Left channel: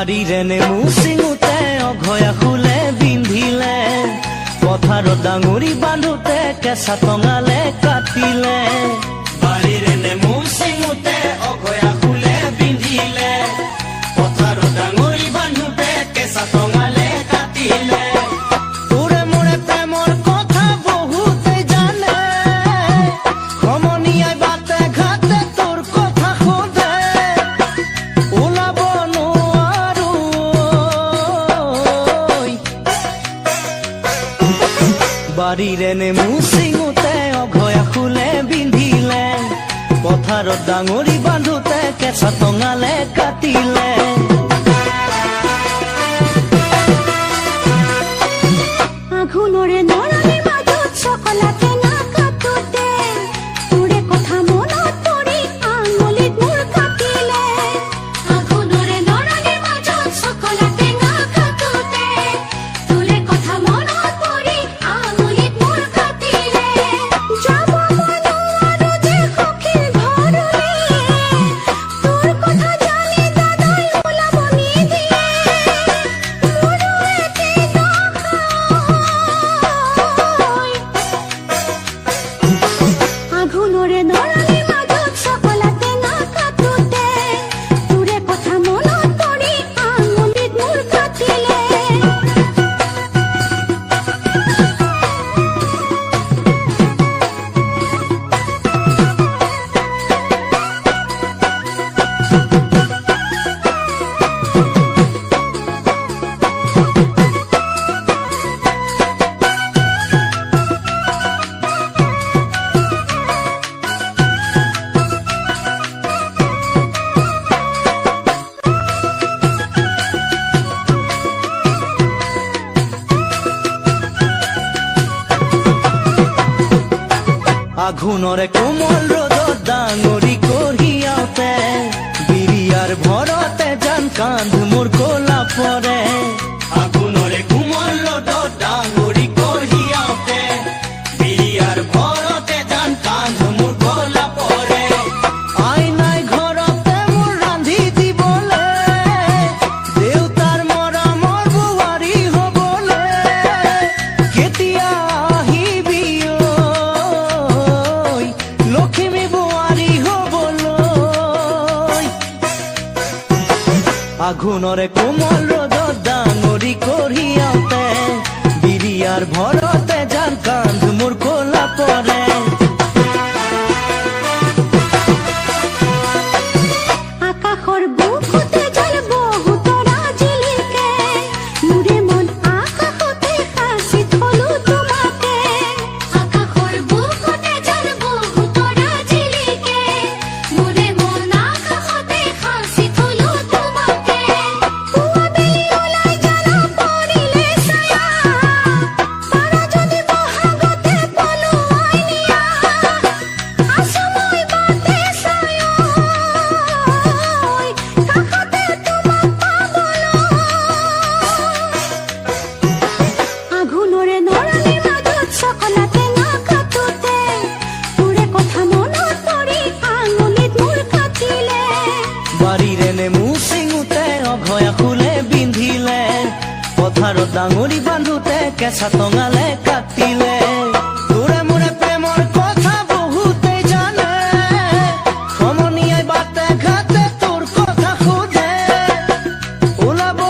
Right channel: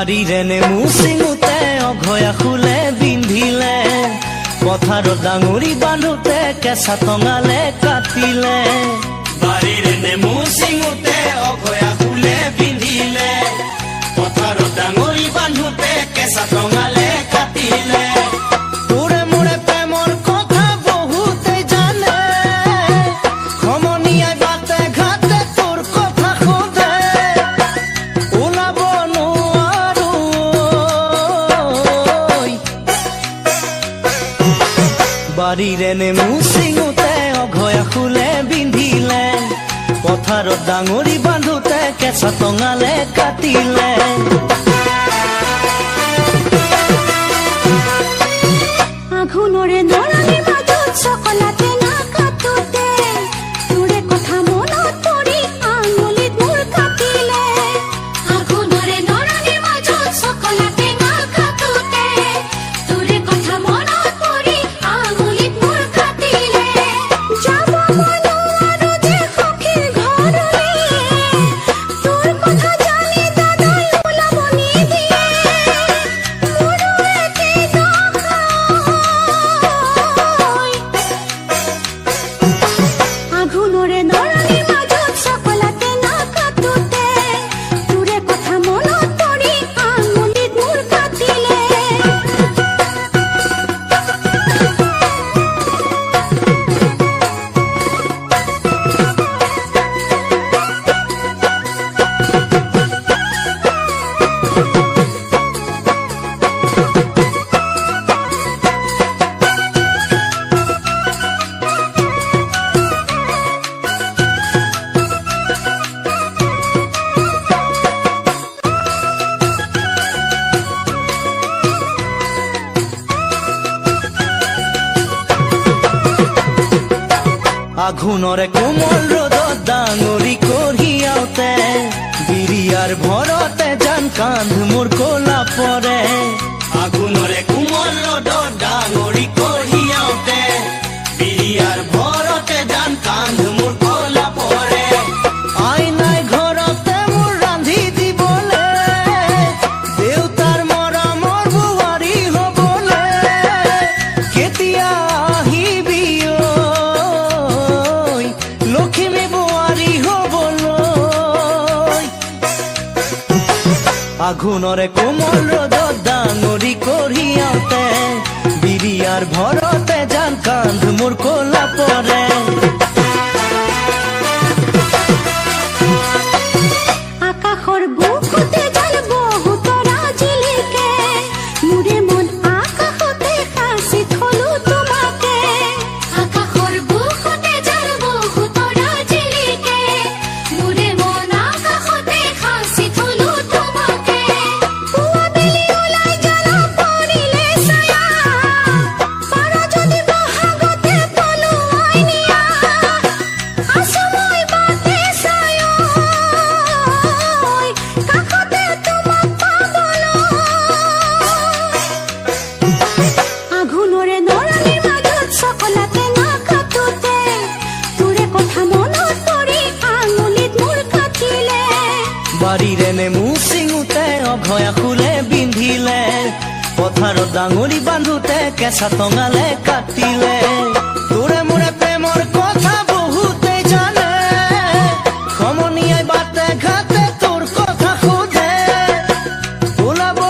বাড়িৰে নেমু চিঙোতে অঘয়া ফুলে বিন্ধিলে, পথাৰত ডাঙৰি বান্ধোতে কেঁচা টঙালে কাটিলে। বাড়িৰে নেমু চিঙোতে অঘয়া ফুলে বিন্ধিলে, পথাৰত ডাঙৰি বান্ধোতে কেঁচা টঙালে কাটিলে। তোৰে মোৰে প্ৰেমৰ কথা বহুতে জানে, সমনীয়াই বাটে ঘাটে তোৰ কথা সোধে, ওলাব নোৱাৰো। বাড়িৰে নেমু চিঙোতে অঘয়া ফুলে বিন্ধিলে, পথাৰত ডাঙৰি বান্ধোতে কেঁচা টঙালে কাটিলে। আঘোণৰে নৰালিৰ মাজত চকলাতে নাকাটোতে, তোৰে কথা মনত পৰি আঙুলিত মোৰ কাটিলে। আঘোণৰে নৰালিৰ মাজত চকলাতে নাকাটোতে, তোৰে কথা মনত পৰি আঙুলিত মোৰ কাটিলে। যাব মই নোৱাৰো যে সখীৰ ঘৰলৈ, তোৰ কথা জানি দাদাই ওলাব নিদিয়ে। মোৰো একেই দশা, আঘোণৰে নৰালিৰ মাজত চকলাতে নাকাটোতে, তোৰে কথা মনত পৰি আঙুলিত মোৰ কাটিলে। আঘোণৰে কোমল ৰ'দত ডাঙৰি কঢ়িয়াওতে, বিৰিয়াৰ ভৰতে জান কান্ধ মোৰ ক'লা পৰে। আঘোণৰে কোমল ৰ'দত ডাঙৰি কঢ়িয়াওতে, বিৰিয়াৰ ভৰতে ধান কান্ধ মোৰ ক'লা পৰে। আইনাই ঘৰতে মোৰ ৰান্ধি দিবলে, দেউতাৰ মৰমৰ বোৱাৰী হ'বলে, কেতিয়া আহিবি ঐ লখিমী বোৱাৰী হ'বলৈ। আঘোণৰে কোমল ৰ'দত ডাঙৰি কঢ়িয়াওতে, বিৰিয়াৰ ভৰতে জান কান্ধ মোৰ ক'লা পৰে। আকাশৰ বুকুতে জাল বহুতৰা জিলিকে, মোৰে মন আকাশতে সাঁচি থলো তোমাকে। আকাশৰ বুকুতে জাল বহুতৰা জিলিকে, মোৰে মন আকাশতে সাঁচি থলো তোমাকে। পুৱা বেলি ওলাই জ্বালা পৰিলে ছায়া, পাৰা যদি বহাগতে পলুৱাই নিয়া। আছো মই বাটে চাই কাষতে তোমাক পাবলৈ। আঘোণৰে নৰালিৰ মাজত চকলাতে নাকাটোতে, তোৰে কথা মনত পৰি আঙুলিত মোৰ কাটিলে। বাড়িৰে নেমু চিঙোতে অঘয়া ফুলে বিন্ধিলে, পথাৰত ডাঙৰি বান্ধোতে কেঁচা টঙালে কাটিলে। তোৰে মোৰে প্ৰেমৰ কথা বহুতে জানে, সমনীয়াই বাটে ঘাটে তোৰ কথা সোধে, ওলাব